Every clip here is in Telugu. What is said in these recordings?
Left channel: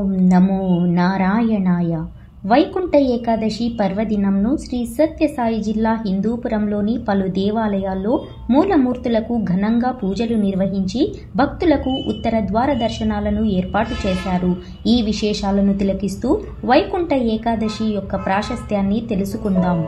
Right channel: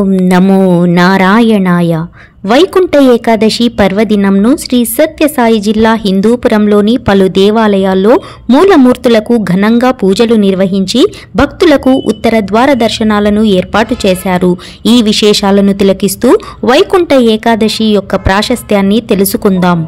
ఓం నమో నారాయణాయ. వైకుంఠ ఏకాదశి పర్వదినంను శ్రీ సత్యసాయి జిల్లా హిందూపురంలోని పలు దేవాలయాల్లో మూలమూర్తులకు ఘనంగా పూజలు నిర్వహించి భక్తులకు ఉత్తర ద్వార దర్శనాలను ఏర్పాటు చేశారు. ఈ విశేషాలను తిలకిస్తూ వైకుంఠ ఏకాదశి యొక్క ప్రాశస్త్యాన్ని తెలుసుకుందాం.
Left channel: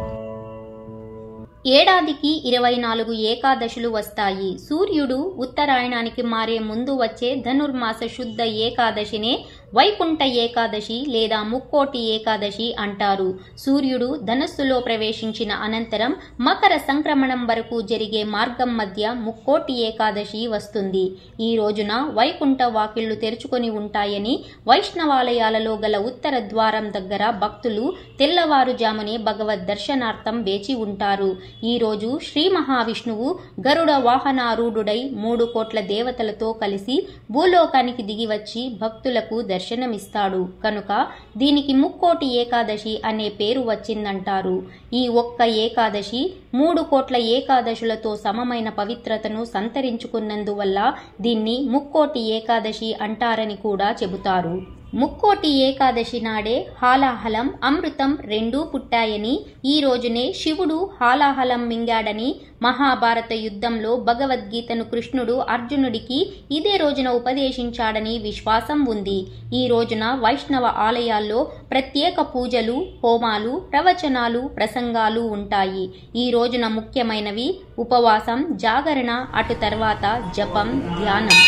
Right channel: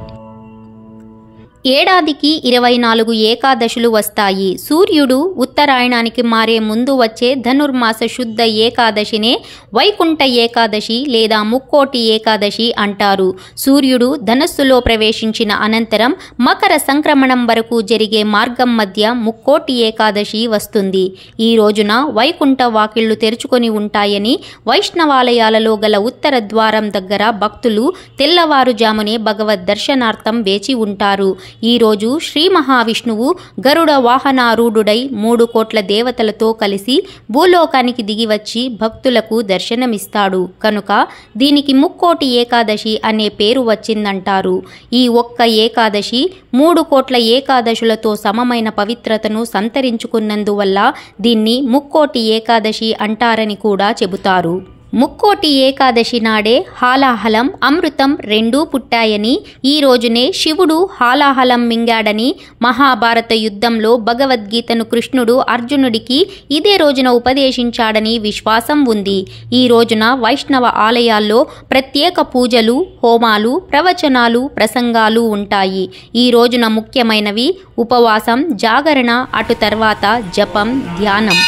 ఏడాదికి 24 ఏకాదశులు వస్తాయి. సూర్యుడు ఉత్తరాయణానికి మారే ముందు వచ్చే ధనుర్మాస శుద్ధ ఏకాదశినే వైకుంఠ ఏకాదశి లేదా ముక్కోటి ఏకాదశి అంటారు. సూర్యుడు ధనస్సులో ప్రవేశించిన అనంతరం మకర సంక్రమణం వరకు జరిగే మార్గం మధ్య ముక్కోటి ఏకాదశి వస్తుంది. ఈ రోజున వైకుంఠ వాకిళ్లు తెరుచుకొని ఉంటాయని వైష్ణవాలయాలలో గల ఉత్తర ద్వారం దగ్గర భక్తులు తెల్లవారుజామునే భగవద్ దర్శనార్థం వేచి ఉంటారు. ఈ రోజు శ్రీ మహావిష్ణువు గరుడ వాహనారూఢుడై 3 కోట్ల దేవతలతో కలిసి భూలోకానికి దిగివచ్చి భక్తులకు దర్శనమిస్తాడు కనుక దీనికి ముక్కోటి ఏకాదశి అనే పేరు వచ్చిందంటారు. ఈ ఒక్క ఏకాదశి 3 కోట్ల ఏకాదశులతో సమమైన పవిత్రతను సంతరించుకున్నందువల్ల దీన్ని ముక్కోటి ఏకాదశి అంటారని కూడా చెబుతారు. ముక్కోటి ఏకాదశి నాడే హాలాహలం అమృతం రెండూ పుట్టాయని, ఈ రోజునే శివుడు హాలాహలం మింగాడని, మహాభారత యుద్ధంలో భగవద్గీతను కృష్ణుడు అర్జునుడికి ఇదే రోజున ఉపదేశించాడని విశ్వాసం ఉంది. ఈ రోజున వైష్ణవ ఆలయాల్లో ప్రత్యేక పూజలు, హోమాలు, ప్రవచనాలు, ప్రసంగాలు ఉంటాయి. ఈ రోజున ముఖ్యమైనవి ఉపవాసం, జాగరణ, అటు తర్వాత జపం, ధ్యానం.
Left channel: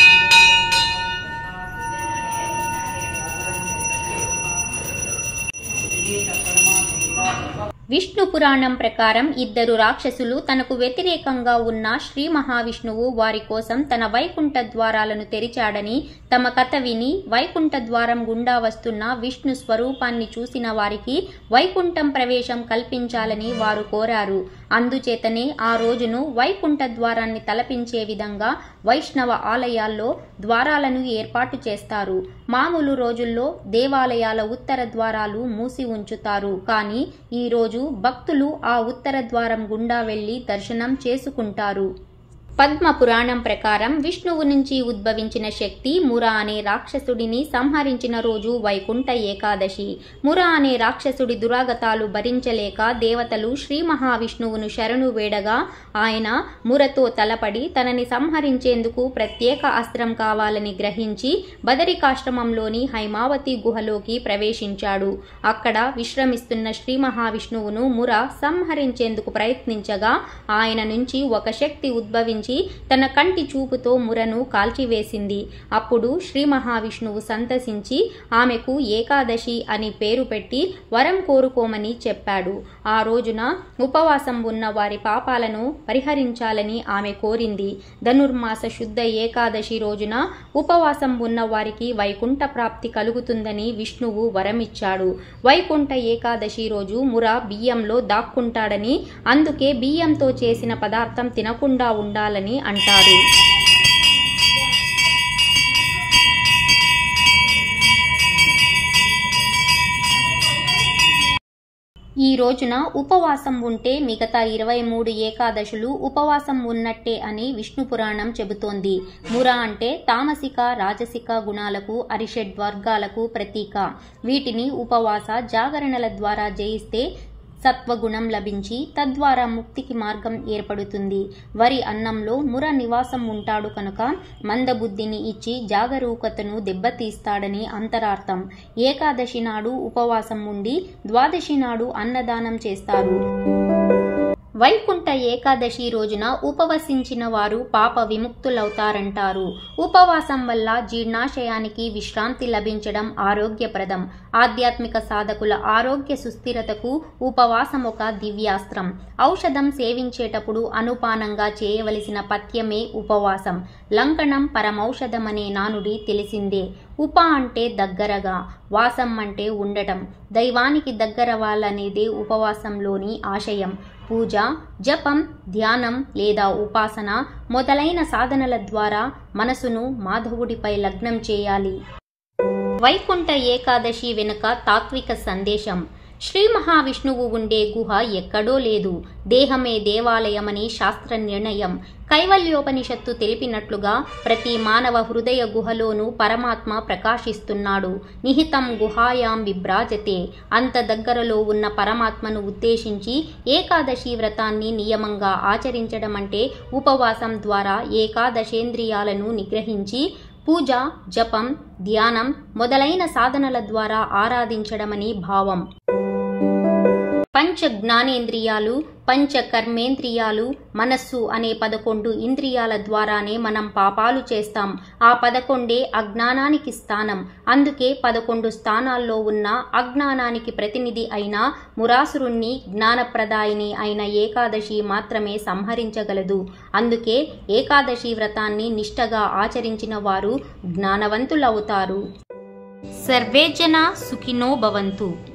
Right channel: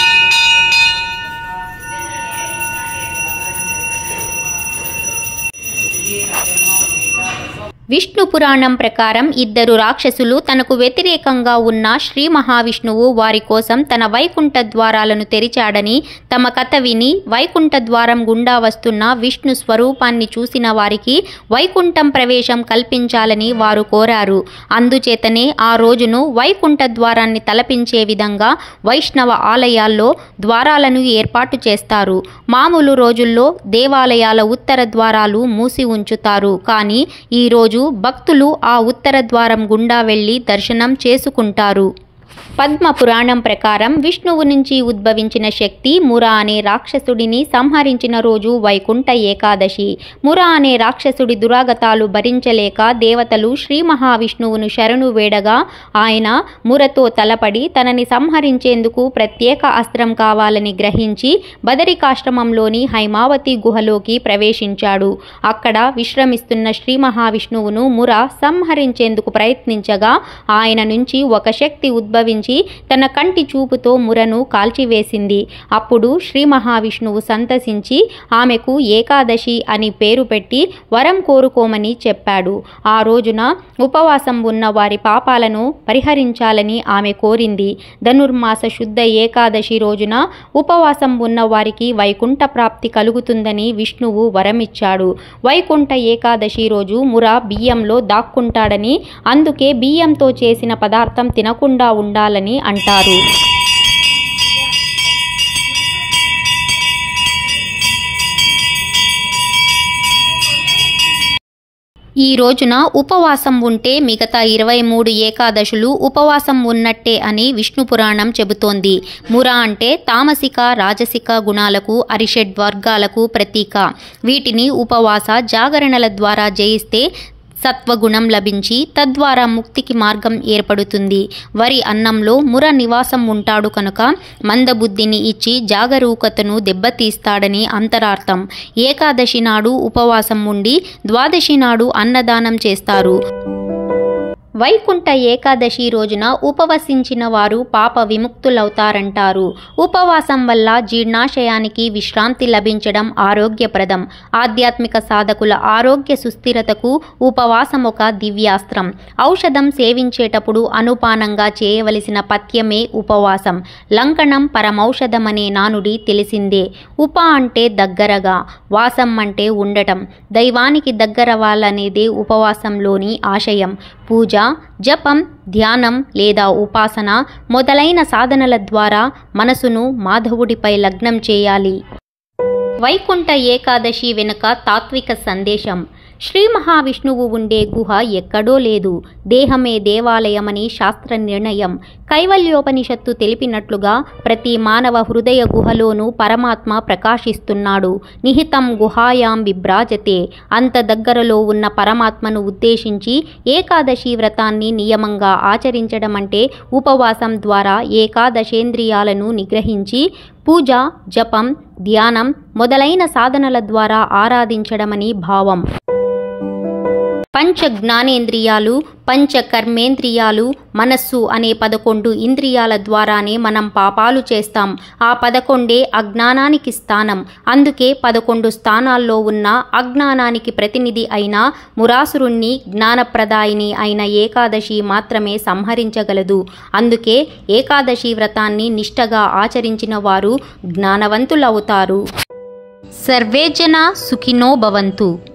విష్ణు పురాణం ప్రకారం 2 రాక్షసులు తనకు వ్యతిరేకంగా ఉన్న శ్రీ మహావిష్ణువు వారి కోసం తన వైకుంఠ ద్వారాలను తెరిచాడని తమ కథ విని వైకుంఠ ద్వారం గుండా వస్తున్న విష్ణు స్వరూపాన్ని చూసిన వారికి వైకుంఠం ప్రవేశం కల్పించాలని వారు కోరారు. అందుచేతనే ఆ రోజును వైకుంఠ ద్వారాన్ని తలపించే విధంగా వైష్ణవ ఆలయాల్లో ద్వారాలను ఏర్పాటు చేస్తారు. మామూలు రోజుల్లో దేవాలయాల ఉత్తర ద్వారాలు మూసి ఉంచుతారు. కానీ ఈ రోజు భక్తులు ఆ ఉత్తర ద్వారం గుండా వెళ్లి దర్శనం చేసుకుంటారు. పద్మ పురాణం ప్రకారం విష్ణువు నుంచి ఉద్భవించిన శక్తి ముర అనే రాక్షసుడిని సంహరించిన రోజు వైకుంఠ ఏకాదశి. ముర అనే రాక్షసుడి దురాగతాలు భరించలేక దేవతలు శ్రీ మహావిష్ణువును శరణు వేడగా ఆయన మురతో తలపడి తనని సంహరించేందుకు ప్రత్యేక అస్త్రం కావాలని గ్రహించి బదరికాశ్రమంలోని హైమావతి గుహలోకి ప్రవేశించాడు. అక్కడ విశ్రమిస్తున్న శ్రీ మహావిష్ణువును ముర సంహరించేందుకు ప్రయత్నించగా ఆయన నుంచి ఒక శక్తి ఉద్భవించి తన కంటి చూపుతో మురను కాల్చివేసింది. అప్పుడు శ్రీ మహావిష్ణువు సంతసించి ఆమెకు ఏకాదశి అని పేరు పెట్టి వరం కోరుకోమని చెప్పాడు. ఆ రోజున ఉపవాసం ఉన్న వారి పాపాలను పరిహరించాలని ఆమె కోరింది. ధనుర్మాస శుద్ధ ఏకాదశి రోజున ఉపవాసం ఉన్న వారికి వైకుంఠ ప్రాప్తి కలుగుతుందని విష్ణువు వరమిచ్చాడు. వైకుంఠ ఏకాదశి రోజు ముర బియ్యంలో దాక్కుంటాడని, అందుకే బియ్యంతో చేసిన పదార్థం తినకుండా ఉండాలని అంటారు. ఈ రోజున ఉపవాసం ఉంటే మిగతా 23 ఏకాదశులు ఉపవాసం ఉన్నట్టే అని విష్ణు పురాణం చెబుతోంది. ముర అంటే తామసిక, రాజసిక గుణాలకు, అరిషడ్ వర్గాలకు ప్రతీక. వీటిని ఉపవాస, జాగరణల ద్వారా జయిస్తే సత్వగుణం లభించి తద్వారా ముక్తికి మార్గం ఏర్పడుతుంది. వరి అన్నంలో ముర నివాసం ఉంటాడు కనుక మందబుద్ధిని ఇచ్చి జాగరూకతను దెబ్బతీస్తాడని అంతరార్థం. ఏకాదశి నాడు ఉపవాసం ఉండి ద్వాదశి నాడు అన్నదానం చేస్తారు. వైకుంఠ ఏకాదశి రోజున ఉపవసించిన వారు పాప విముక్తులవుతారంటారు. ఉపవాసం వల్ల జీర్ణాశయానికి విశ్రాంతి లభించడం ఆరోగ్యప్రదం. ఆధ్యాత్మిక సాధకుల ఆరోగ్య సుస్థిరతకు ఉపవాసం ఒక దివ్యాస్త్రం. ఔషధం సేవించేటప్పుడు అనుపానంగా చేయవలసిన పథ్యమే ఉపవాసం. లంకణం పరమౌషధమనే నానుడి తెలిసిందే. ఉప అంటే దగ్గరగా, వాసం అంటే ఉండటం. దైవానికి దగ్గరవాలనేదే ఉపవాసంలోని ఆశయం. పూజ, జపం, ధ్యానం లేదా ఉపాసన మొదలైన సాధనల ద్వారా మనసును మాధవుడిపై లగ్నం చేయాలి. వైకుంఠ ఏకాదశి వెనుక తాత్విక సందేశం. శ్రీ మహావిష్ణువు ఉండే గుహ ఎక్కడో లేదు, దేహమే దేవాలయమని శాస్త్ర నిర్ణయం. కైవల్యోపనిషత్తు తెలిపినట్లుగా ప్రతి మానవ హృదయ గుహలోనూ పరమాత్మ ప్రకాశిస్తున్నాడు. నిహితం గుహాయాం విభ్రాజతే. అంత దగ్గరలో ఉన్న పరమాత్మను ఉద్దేశించి ఏకాదశి వ్రతాన్ని నియమంగా ఆచరించడం అంటే ఉపవాసం ద్వారా ఏకాదశేంద్రియాలను నిగ్రహించి పూజ, జపం, ధ్యానం మొదలైన సాధనల ద్వారా ఆరాధించడమని భావం. పంచ జ్ఞానేంద్రియాలు, పంచ కర్మేంద్రియాలు, మనస్సు అనే 11 ఇంద్రియాల ద్వారానే మనం పాపాలు చేస్తాం. ఆ 11 అజ్ఞానానికి స్థానం. అందుకే 11 స్థానాల్లో ఉన్న అజ్ఞానానికి ప్రతినిధి అయిన మురాసురుణ్ణి జ్ఞానప్రదాయిని అయిన ఏకాదశి మాత్రమే సంహరించగలదు. అందుకే ఏకాదశి వ్రతాన్ని నిష్టగా ఆచరించిన వారు జ్ఞానవంతులవుతారు. సర్వే జనా సుఖినో భవంతు.